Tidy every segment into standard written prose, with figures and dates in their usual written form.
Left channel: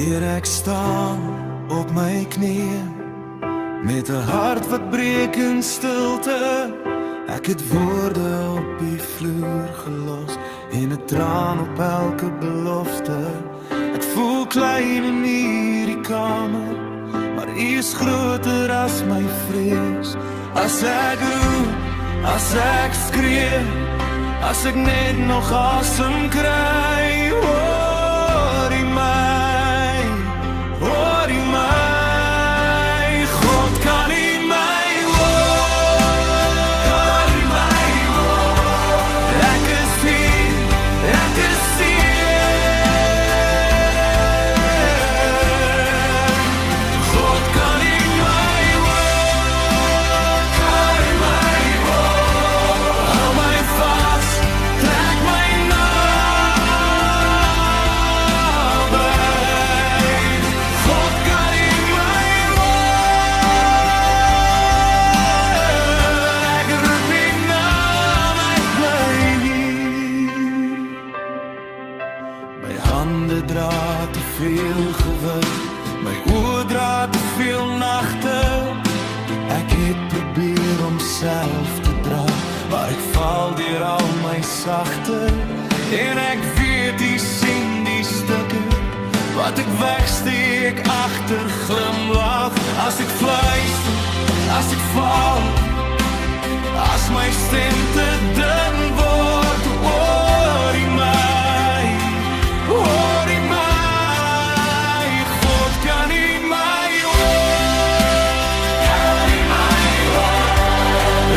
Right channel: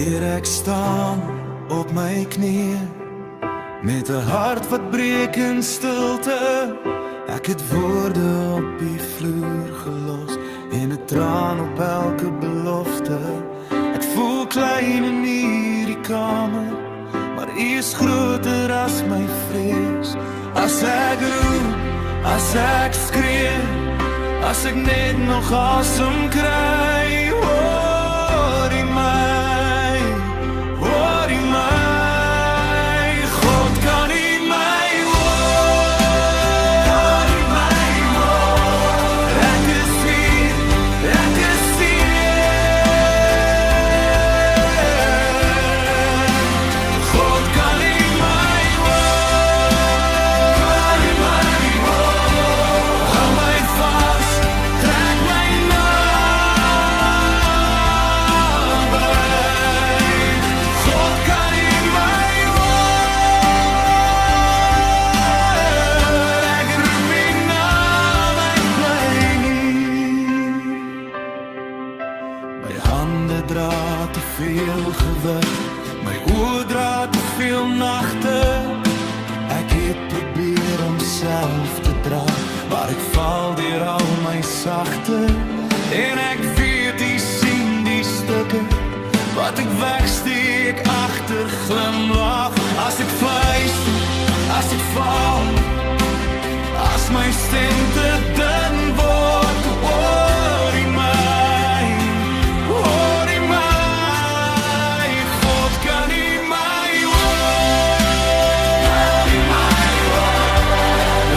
Hier ek staan op my knieë met 'n hart wat breek in stilte. Ek het woorde op die vloer gelos en 'n traan op elke belofte. Ek voel klein in hierdie kamer, maar U is groter as my vrees. As ek roep, as ek skree, as ek net nog asem kry, hoor U my, hoor U my. God, kan U my hoor? Ek is hier, ek is hier. God, kan U my hoor? Hou my vas, trek my naby. God, kan U my hoor? Ek roep U naam, ek bly hier. My hande dra te veel gewig, my oë dra te veel nagte. Ek het probeer om self te dra, maar ek val deur al my sagte. En ek weet U sien die stukke wat ek wegsteek agter glimlag. As ek fluister, as ek val, as my stem te dun word, hoor U my, hoor U my. God, kan U my hoor?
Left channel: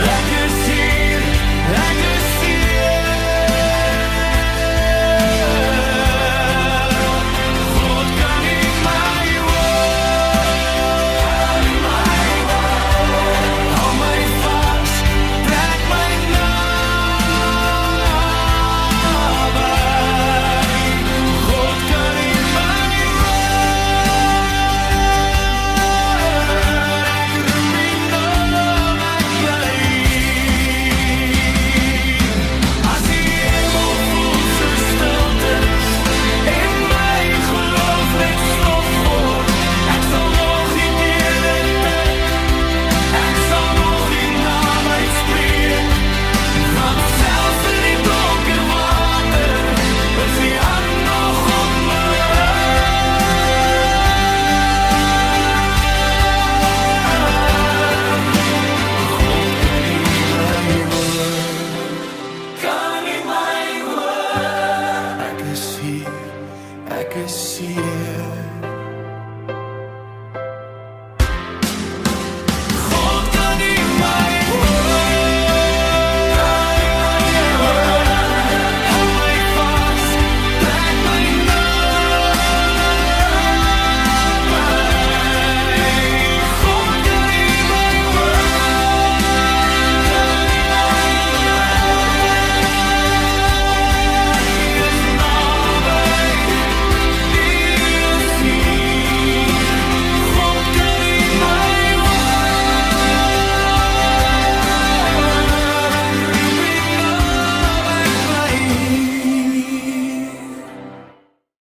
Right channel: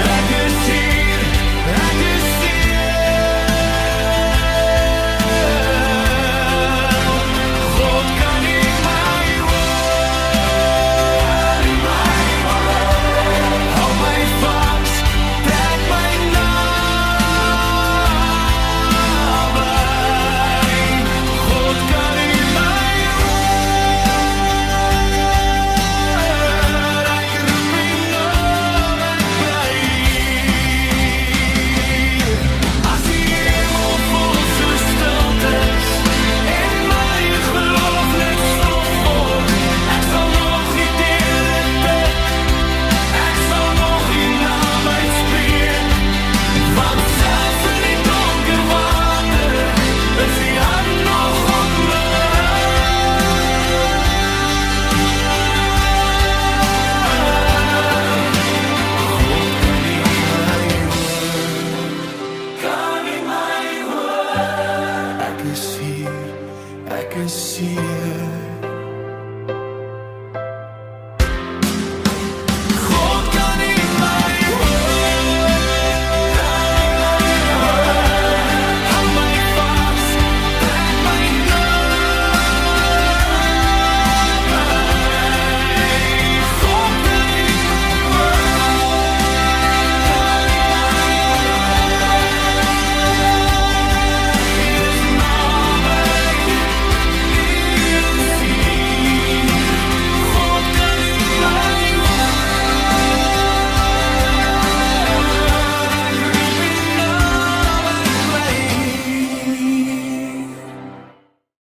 Ek is hier, ek is hier. God, kan U my hoor? Hou my vas, trek my naby. God, kan U my hoor? Ek roep U naam, ek bly hier. As die hemel voel so stilte is en my geloof net stof word, ek sal nog U deure tik, ek sal nog U naam uitspreek. Want selfs in die donker water is U hand nog op my. God, kan U my hoor? Kan U my hoor? Ek is hier, ek is hier.